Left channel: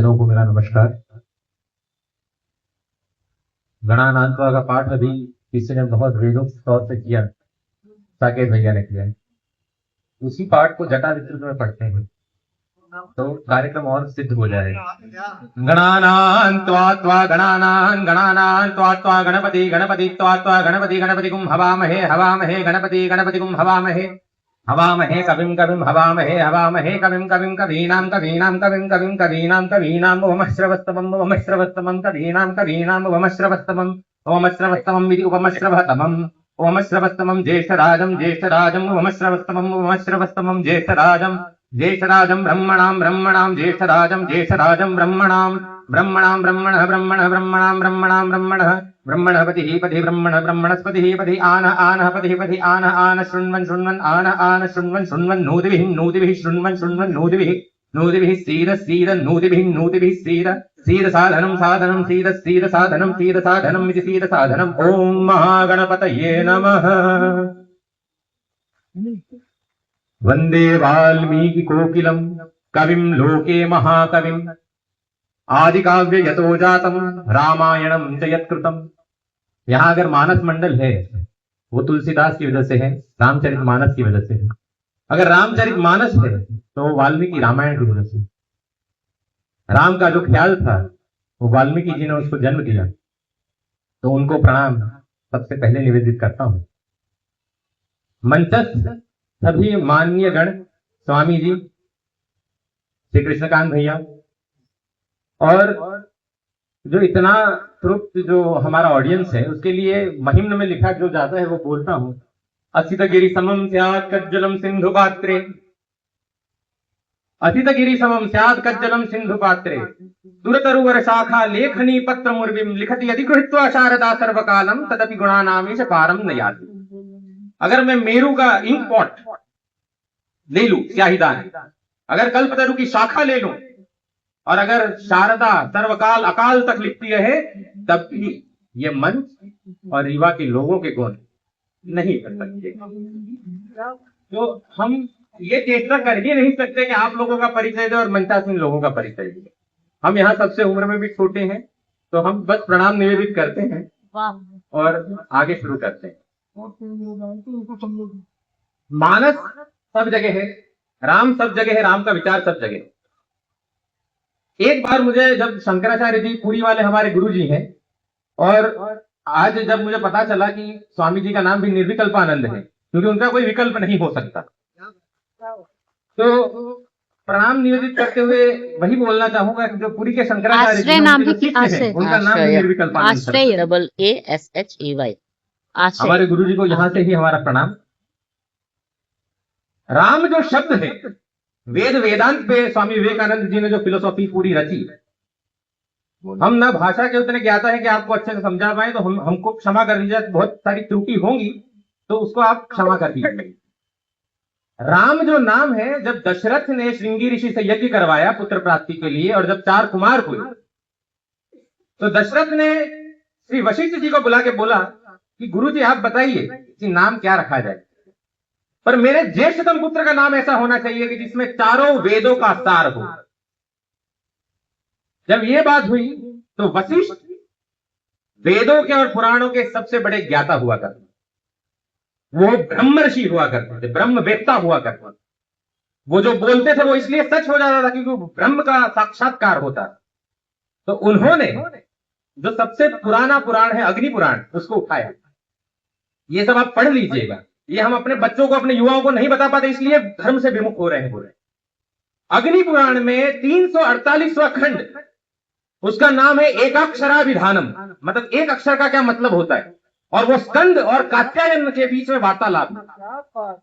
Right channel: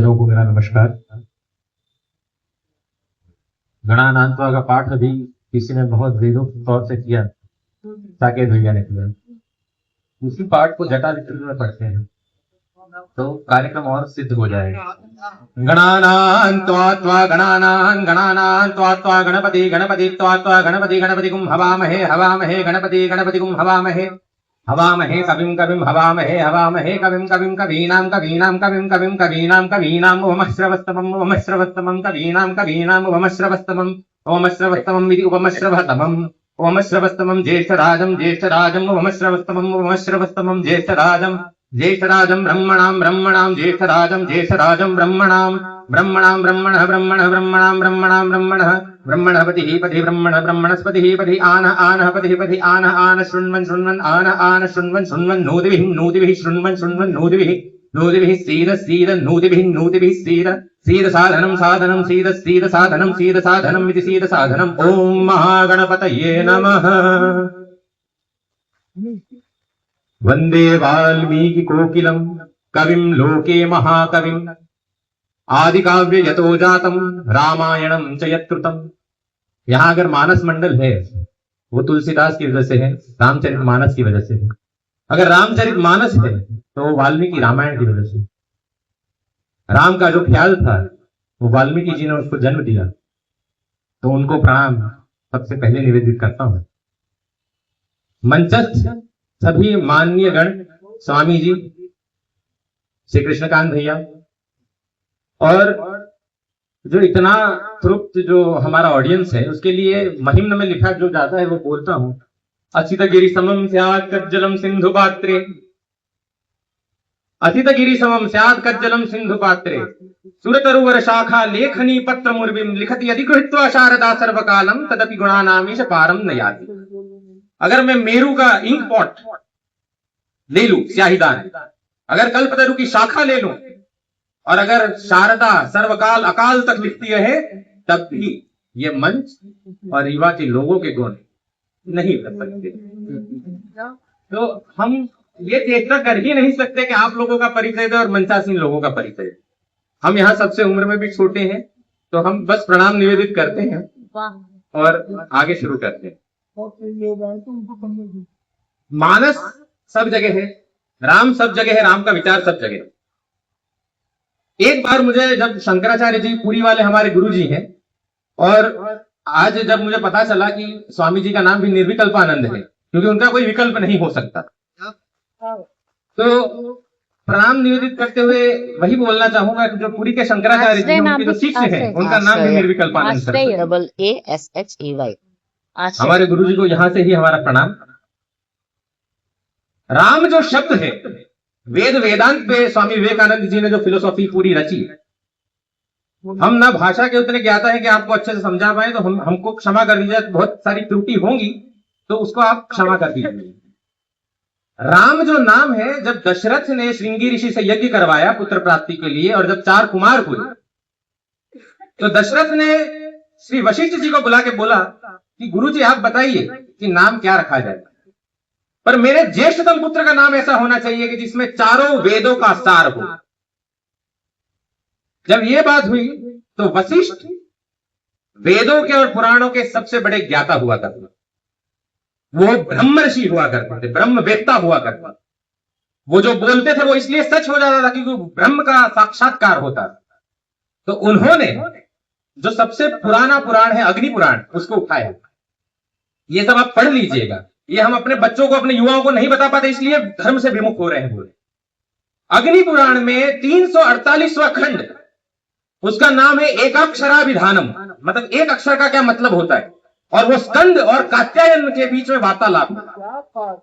लोगों को मेरा नमस्कार। गणानांत्वा का पाठ अभी किसी ने बहुत वेदोक्त तौर से किया, साकेत भैया ने किया। उसी पाठ को जटा विस्तृत में पढ़ते हैं तो कार्यक्रम और सिद्ध हो जाएगा। गणानां त्वा गणपति गणपति त्वा गणपति गुम हवामहे हवामहे गणपति गुम हवामहे हवामहे कविं हवामहे कविं कवीनां उपमश्रवस्तमं कवीनां उपमश्रवस्तमं इति उपमश्रवस्तमं ज्येष्ठराजं उपमश्रवस्तमं ज्येष्ठराजं ब्रह्मणां ज्येष्ठराजं ब्रह्मणां ब्रह्मणपतिः पति ब्रह्मणस्पतिः पति आनः पतिः आनः शृण्वन् शृण्वन् नूतिभिः शृण्वन् नूतिभिः सीद साधनं इति सीद साधनम्। ॐ महागणपतये नमः। वन्दे वाल्मीकि कोकिलं कविं लोके महाकविम् आदिकाव्य यतो जातम् रामायणं च यत्कृतम्। यहाँ अगर मानस मंडल है वो तुलसीदास की वजह से है, रामचरितमानस की वजह से है। अगर रामचरितमानस है तो वाल्मीकि रामायण की वजह से। राम का जो ख्याल था वो वाल्मीकि जी ने उसको जन्म दिया, तो उनको प्रणाम सबसे पहले निवेदित करता हूं। मंचस्थ सभी माननीय गण, स्वामी जी, श्री कृष्णकांत भैया, और जो इतना तृप्त जो हमारा ऑडियंस है उसके लिए महिम्न में लिखा जो जाता है वो बोलता हूं। असितगिरि समम स्यात् कज्जलम सिंधु पात्रे, असितगिरि समम स्यात् कज्जलम सिंधु पात्रे, सुरतरुवर शाखा लेखनी पत्र मुर्विम लिखति यदि गृहीत्वा शारदा सर्वकालम तदपि गुणानामीश पारम न याति। अगर मैं मेरू का इंक पॉट ले लूं, स्याहीदान, अगर कल्पतरु की शाखा ले लूं, और अगर शारदा सर्वकाल अकाल तक लिखती रहे, तब भी ये मंच और रीवा के लोगों के गुण नहीं कर सकते। तो हम ये चेष्टा कर ही नहीं सकते कि आप लोगों का परिचय दे और मंचासीन लोगों का परिचय दे। हम यहाँ सबसे उम्र में भी छोटे हैं, तो हम बस प्रणाम निवेदित करते हैं और आगे शुरू करते हैं। मानस सब जगह है, राम सब जगह है, राम का विचार सब जगह है। एक बार मुझे जब शंकराचार्य जी पुरी वाले हमारे गुरु जी हैं, और आज जब मुझे पता चला कि स्वामी जी का नाम भी निर्विकल्पानंद है, क्योंकि उनका कोई विकल्प नहीं हो सकता, तो प्रणाम निवेदित करते हुए वही बोलना चाहूंगा कि जो पुरी के शंकराचार्य जी उनके जो शिष्य हैं उनका नाम भी निर्विकल्पानंद है। हमारे गुरु जी को यहाँ से ही हमारा प्रणाम। राम जो शब्द है, वेद वेदांत पे स्वामी विवेकानंद जी ने जो फिलोसॉफी पूरी रची, हम ना भाषा के उतने ज्ञाता है कि आपको अच्छे से समझा पाए, तो हमको क्षमा कर दीजिए, बहुत सारी त्रुटि होंगी तो उसको आप क्षमा कर दीजिए। राम जो नाम है, जब दशरथ ने श्रृंगी ऋषि से यज्ञ करवाया पुत्र प्राप्ति के लिए, और जब 4 कुमार हुए, तो दशरथ ने श्री वशिष्ठ जी को बुला के बोला कि गुरु जी आप बताइए कि नाम क्या रखा जाए, पर मेरे ज्येष्ठतम पुत्र का नाम ऐसा होना चाहिए कि जिसमें चारों वेदों का सार हो। जब ये बात हुई तो वशिष्ठ वेदों के और पुराणों के सबसे बड़े ज्ञाता हुआ करते, वो ब्रह्मर्षि हुआ करते थे, ब्रह्मवेत्ता हुआ करते। वो जो बोलते थे वो इसलिए सच हो जाता था क्योंकि वो ब्रह्म का साक्षात्कार होता था। तो उन्होंने जो सबसे पुराना पुराण है अग्नि पुराण, उसको उठाया। ये सब आप पढ़ लीजिएगा, ये हम अपने बच्चों को, अपने युवाओं को नहीं बता पाते, इसलिए धर्म से विमुख हो रहे हैं बोले। अग्नि पुराण में 348वां खंड, उसका नाम है एकाक्षराभिधानम, मतलब एक अक्षर का क्या मतलब होता है, और वो स्कंद और कात्यायन के बीच में वार्तालाप।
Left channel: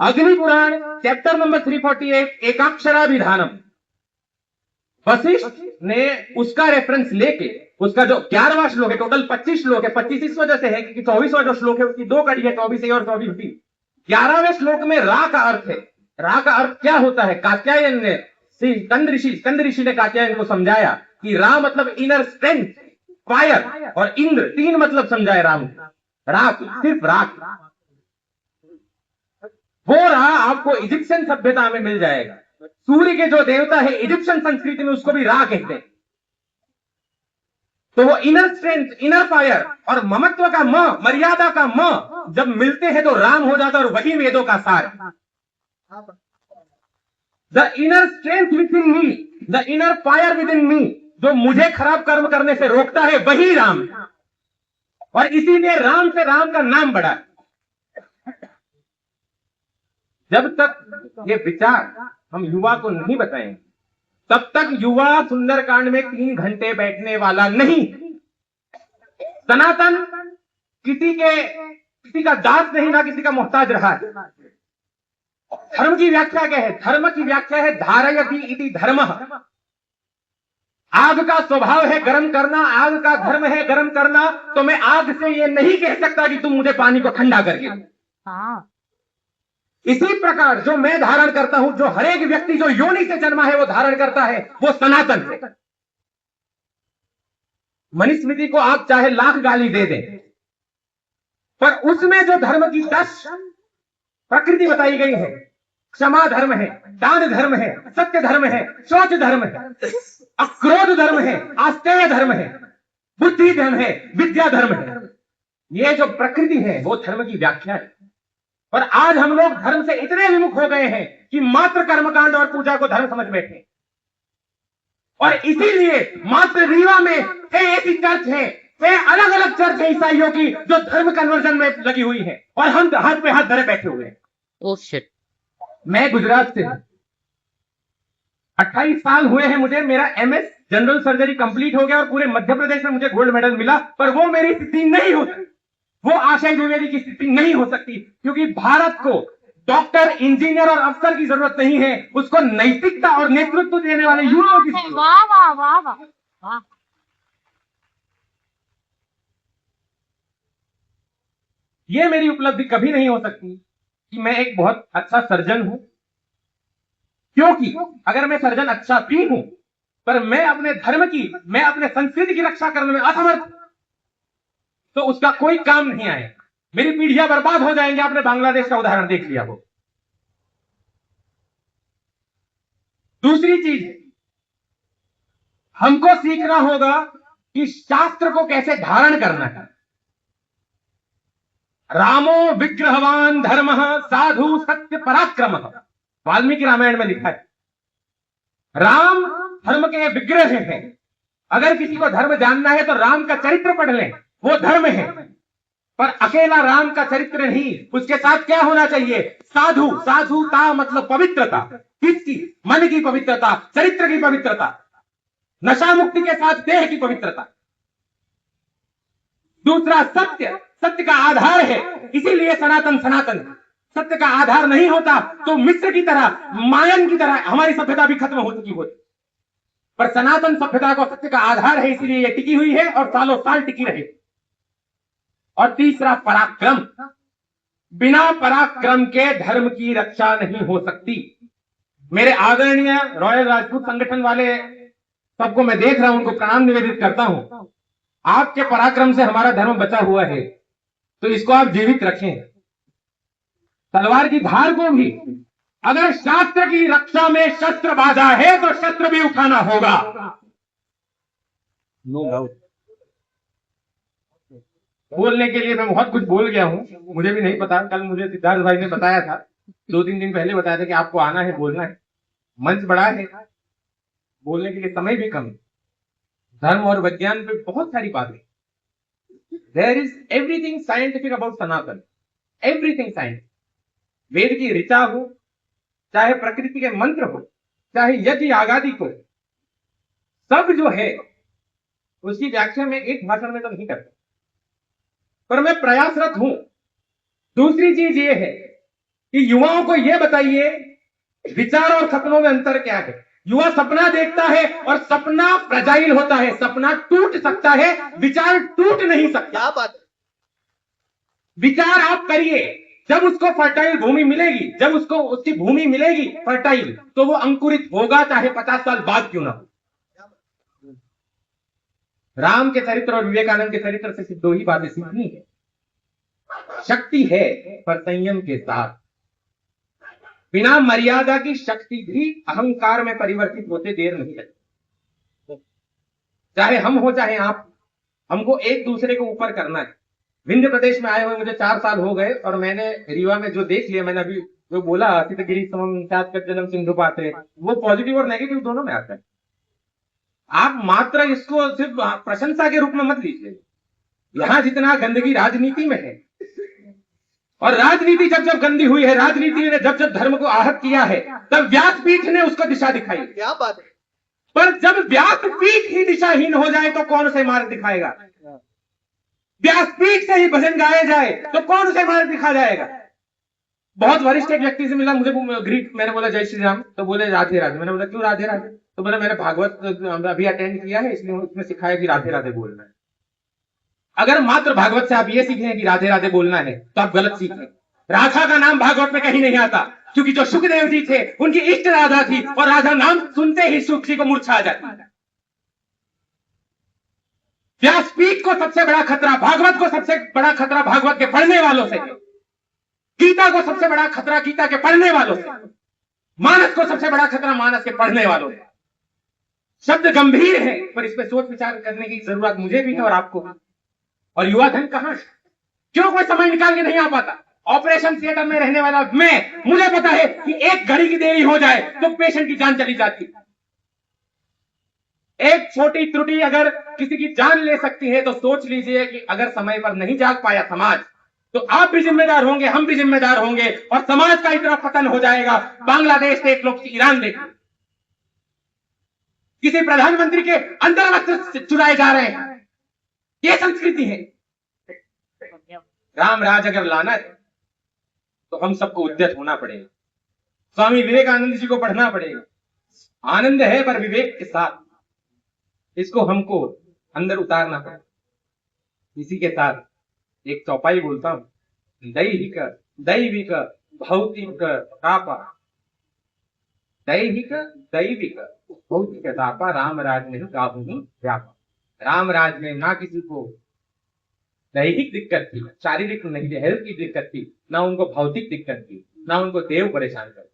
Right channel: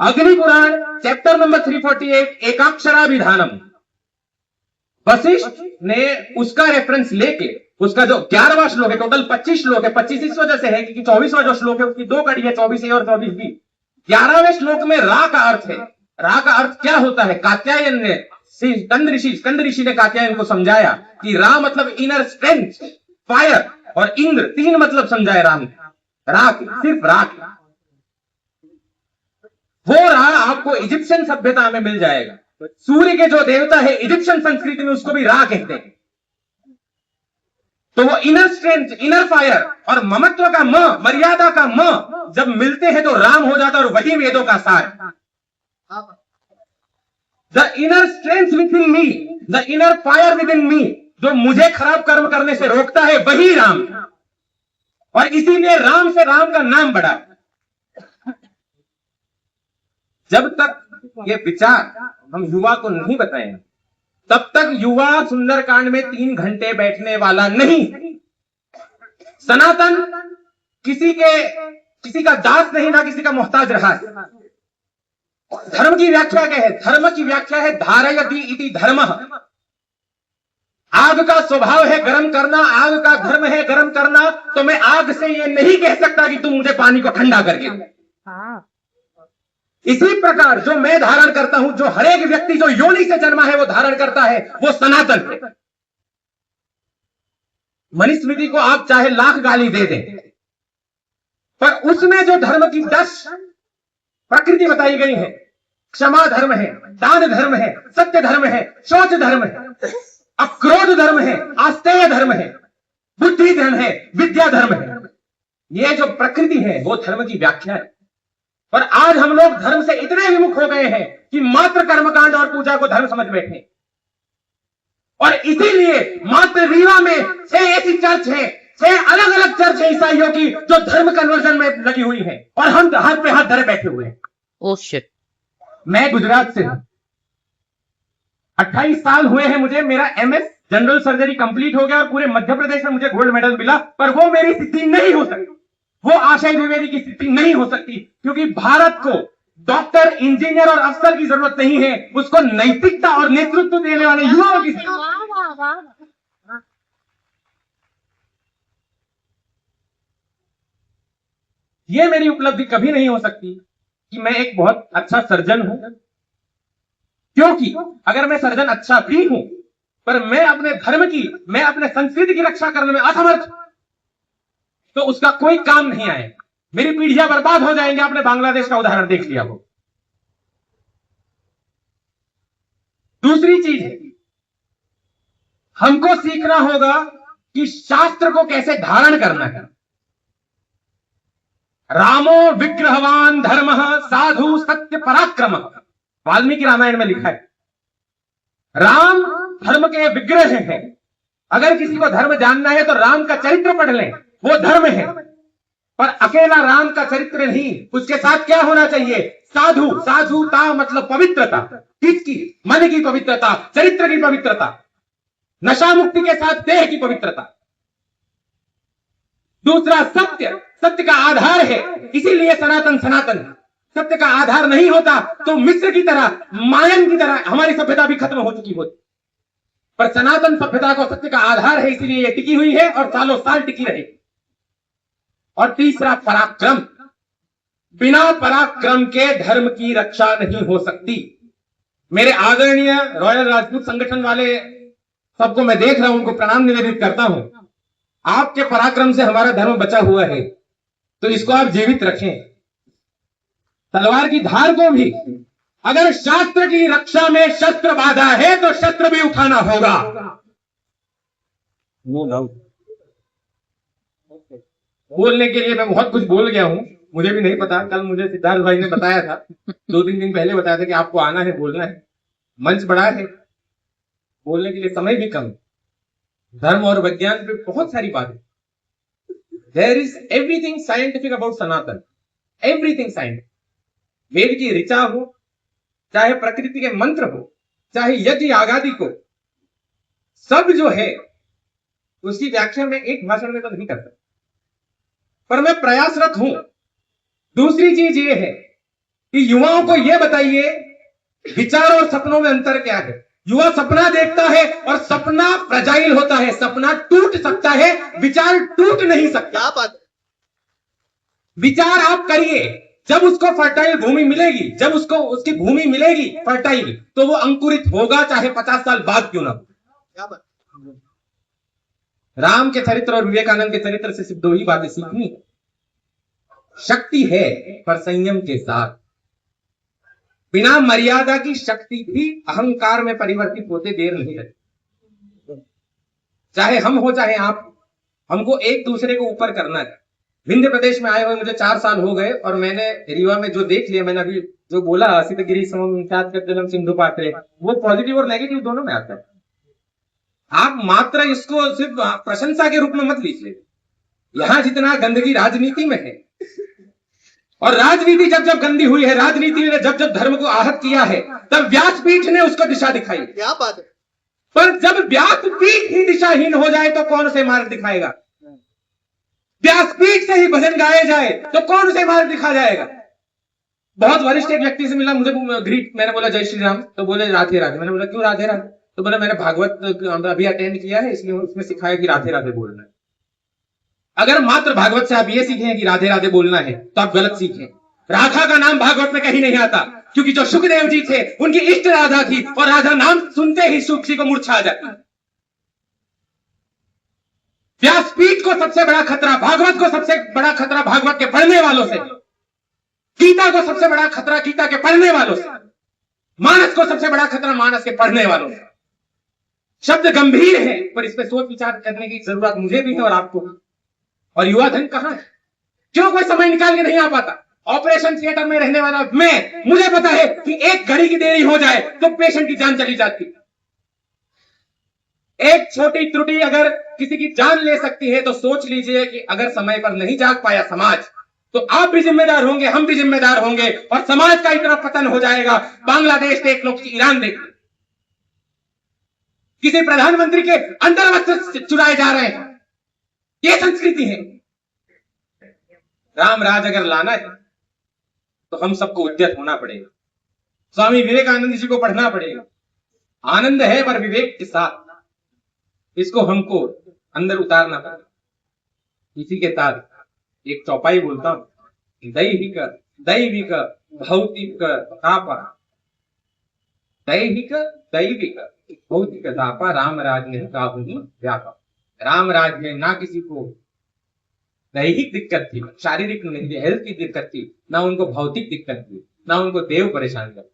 अग्नि पुराण चैप्टर नंबर 348 एकाक्षराभिधानम, वशिष्ठ ने उसका रेफरेंस लेके, उसका जो 11वां श्लोक है, टोटल 25 श्लोक है, 25 इस वजह से है क्योंकि 24वां जो श्लोक है उसकी 2 कड़ी है, 24 और 24 भी। 11वें श्लोक में रा का अर्थ है। रा का अर्थ क्या होता है? कात्यायन ने, स्कंद ऋषि ने कात्यायन को समझाया कि रा मतलब इनर स्ट्रेंथ, फायर, और इंद्र, 3 मतलब समझाए राम। राख, सिर्फ राख, वो रहा आपको इजिप्शियन सभ्यता में मिल जाएगा। सूर्य के जो देवता है इजिप्शियन संस्कृति में उसको भी रा कहते हैं। तो वो इनर स्ट्रेंथ, इनर फायर और ममत्व का म, मर्यादा का म जब मिलते हैं तो राम हो जाता है, और वही वेदों का सार। The inner strength within me, the inner fire within me, जो मुझे खराब कर्म करने से रोकता है, वही राम। और इसीलिए राम से राम का नाम बढ़ा। जब तक ये विचार हम युवा को नहीं बताएंगे, तब तक युवा सुंदरकांड में 3 घंटे बैठने वाला नहीं। सनातन किसी का दास नहीं, ना किसी का मोहताज रहा है। धर्म की व्याख्या क्या है? धर्म की व्याख्या है धारयति इति धर्मः। आग का स्वभाव है गर्म करना, आग का धर्म है गर्म करना, तो मैं आग से ये नहीं कह सकता कि तुम मुझे पानी को ठंडा करके। इसी प्रकार जो मैं धारण करता हूं, जो हर एक व्यक्ति जो योनि से जन्मा है वो धारण करता है, वो सनातन है। मनुस्मृति को आप चाहे लाख गाली दे दें, पर उसमें जो धर्म की 10 प्रकृति बताई गई है, क्षमा धर्म है, दान धर्म है, सत्य धर्म है, शौच धर्म है, अक्रोध धर्म है, आस्तेय धर्म है, बुद्धि धर्म है, विद्या धर्म है। ये जो प्रकृति है वो धर्म की व्याख्या है। पर आज हम लोग धर्म से इतने विमुख हो गए हैं कि मात्र कर्मकांड और पूजा को धर्म समझ बैठे। और इसीलिए मात्र रीवा में 6 ऐसी चर्च है, 6 अलग अलग चर्च है ईसाइयों की, जो धर्म कन्वर्जन में लगी हुई है, और हम हाथ पे हाथ धरे बैठे हुए हैं। Oh shit. मैं गुजरात से हूं, 28 साल हुए हैं मुझे। मेरा MS जनरल सर्जरी कंप्लीट हो गया और पूरे मध्य प्रदेश में मुझे गोल्ड मेडल मिला, पर वो मेरी स्थिति नहीं हो सकती, वो आशय द्विवेदी की स्थिति नहीं हो सकती, क्योंकि भारत को डॉक्टर, इंजीनियर और अफसर की जरूरत नहीं है, उसको नैतिकता और नेतृत्व देने वाले युवाओं की जरूरत है। वाह वाह वाह वाह वाह। ये मेरी उपलब्धि कभी नहीं हो सकती कि मैं एक बहुत अच्छा सर्जन हूं, क्योंकि अगर मैं सर्जन अच्छा भी हूं, पर मैं अपने धर्म की, मैं अपने संस्कृति की रक्षा करने में असमर्थ, तो उसका कोई काम नहीं आएगा। मेरी पीढ़ियां बर्बाद हो जाएंगे। आपने बांग्लादेश का उदाहरण देख लिया हो। दूसरी चीज है, हमको सीखना होगा कि शास्त्र को कैसे धारण करना है। रामो विग्रहवान धर्मः साधु सत्य पराक्रमः, वाल्मीकि रामायण में लिखा है। राम धर्म के विग्रह हैं। अगर किसी को धर्म जानना है तो राम का चरित्र पढ़ लें, वो धर्म है। पर अकेला राम का चरित्र नहीं, उसके साथ क्या होना चाहिए? साधु, साधुता मतलब पवित्रता। किसकी? मन की पवित्रता, चरित्र की पवित्रता, नशा मुक्ति के साथ देह की पवित्रता। दूसरा सत्य, सत्य का आधार है, इसीलिए सनातन सनातन है। सत्य का आधार नहीं होता तो मिस्र की तरह, मायन की तरह हमारी सभ्यता भी खत्म हो चुकी होती। पर सनातन सभ्यता को सत्य का आधार है, इसीलिए ये टिकी हुई है और सालों साल टिकी रहेगी। और तीसरा पराक्रम, बिना पराक्रम के धर्म की रक्षा नहीं हो सकती। मेरे आदरणीय रॉयल राजपूत संगठन वाले सबको मैं देख रहा हूं, उनको प्रणाम निवेदित करता हूं। आपके पराक्रम से हमारा धर्म बचा हुआ है, तो इसको आप जीवित रखें। तलवार की धार को भी, अगर शास्त्र की रक्षा में शस्त्र बाधा है तो शस्त्र भी उठाना होगा। No doubt. बोलने के लिए मैं बहुत कुछ बोल गया हूं, मुझे भी नहीं पता। कल मुझे सिद्धार्थ भाई ने बताया था, 2-3 दिन पहले बताया था कि आपको आना है, बोलना है। मंच बड़ा है, बोलने के लिए समय भी कम। धर्म और विज्ञान पे बहुत सारी बातें। There is everything scientific about Sanatan, everything scientific. Veda की ऋचा हो, चाहे प्रकृति के मंत्र हो, चाहे यज्ञ आगादि को, सब जो है उसकी व्याख्या में एक भाषण में तो नहीं करता, पर मैं प्रयासरत हूं। दूसरी चीज ये है कि युवाओं को यह बताइए विचार और सपनों में अंतर क्या है। युवा सपना देखता है और सपना फ्रजाइल होता है, सपना टूट सकता है, विचार टूट नहीं सकता। क्या बात है? विचार आप करिए, जब उसको फर्टाइल भूमि मिलेगी, जब उसको उसकी भूमि मिलेगी फर्टाइल, तो वो अंकुरित होगा, चाहे 50 साल बाद क्यों ना हो। क्या बात? राम के चरित्र और विवेकानंद के चरित्र से सिर्फ 2 ही बातें सीखनी है। शक्ति है पर संयम के साथ। बिना मर्यादा की शक्ति भी अहंकार में परिवर्तित होते देर नहीं लगती। चाहे हम हो चाहे आप, हमको एक दूसरे को ऊपर करना है। विंध्य प्रदेश में आए हुए मुझे 4 साल हो गए और मैंने रीवा में जो देख लिया, मैंने अभी जो बोला असित गिरी समम तात जन्म सिंधु पात्रे, वो पॉजिटिव और नेगेटिव दोनों में आता है। आप मात्र इसको सिर्फ प्रशंसा के रूप में मत लीजिए। यहां जितना गंदगी राजनीति में है, और राजनीति जब जब गंदी हुई है, राजनीति ने जब जब धर्म को आहत किया है, तब व्यासपीठ ने उसको दिशा दिखाई। क्या बात है। पर जब व्यासपीठ ही दिशाहीन हो जाए तो कौन उसे मार्ग दिखाएगा? व्यासपीठ से ही भजन गाया जाए तो कौन उसे मार्ग दिखा जाएगा? बहुत वरिष्ठ एक व्यक्ति से मिला, मुझे ग्रीट, मैंने बोला जय श्री राम, तो बोले राधे राधे। मैंने बोला क्यों राधे राधे? तो बोला मैंने भागवत अभी अटेंड किया है, इसलिए उसमें सिखाया कि राधे राधे बोलना है। अगर मात्र भागवत से आप ये सीखें कि राधे राधे बोलना है तो आप गलत सीखें। राधा का नाम भागवत में कहीं नहीं आता, क्योंकि जो सुखदेव जी थे उनकी इष्ट राधा थी, और राधा नाम सुनते ही सुख जी को मूर्छा आ जाती है। व्यासपीठ को सबसे बड़ा खतरा, भागवत को सबसे बड़ा खतरा भागवत के पढ़ने वालों से, गीता को सबसे बड़ा खतरा गीता के पढ़ने वालों से, मानस को सबसे बड़ा खतरा मानस के पढ़ने वालों से। शब्द गंभीर है, पर इस पर सोच विचार करने की जरूरत मुझे भी है और आपको भी। और युवा धन कहां है? क्यों कोई समय निकाल के नहीं आ पाता? ऑपरेशन थिएटर में रहने वाला मुझे पता है कि एक घड़ी की देरी हो जाए तो पेशेंट की जान चली जाती। एक छोटी त्रुटि अगर किसी की जान ले सकती है, तो सोच लीजिए कि अगर समय पर नहीं जाग पाया समाज, तो आप भी जिम्मेदार होंगे, हम भी जिम्मेदार होंगे, और समाज का इतना पतन हो जाएगा। बांग्लादेश देख लो, ईरान देख लो, किसी प्रधानमंत्री के अंतर्वस्त्र चुराए जा रहे हैं। ये संस्कृति है। राम राज अगर लाना है तो हम सबको उद्यत होना पड़ेगा। स्वामी विवेकानंद जी को पढ़ना पड़ेगा। आनंद है पर विवेक के साथ, इसको हमको अंदर उतारना पड़ेगा। इसी के साथ एक चौपाई बोलता हूं, दैहिक दैविक भौतिक तापा, दैहिक दैविक भौतिक तापा, राम राज में काहुनी व्यापा। राम राज में ना किसी को दैहिक दिक्कत थी, शारीरिक नहीं, हेल्थ की दिक्कत थी, ना उनको भौतिक दिक्कत थी, ना उनको देव परेशान कर।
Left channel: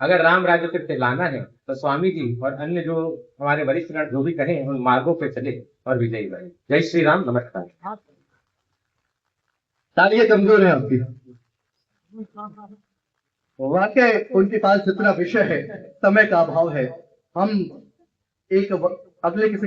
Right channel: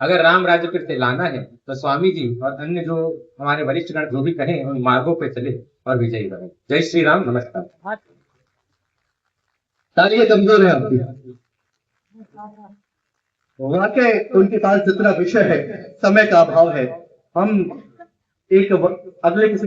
अगर राम राज्य फिर से लाना है तो स्वामी जी और अन्य जो हमारे वरिष्ठ गण जो भी कहें, उन मार्गों पे चले और विजयी बने। जय श्री राम, नमस्कार। तालियां कमजोर है आपकी। वाकई उनके पास जितना विषय है, समय का अभाव है। हम अगले किसी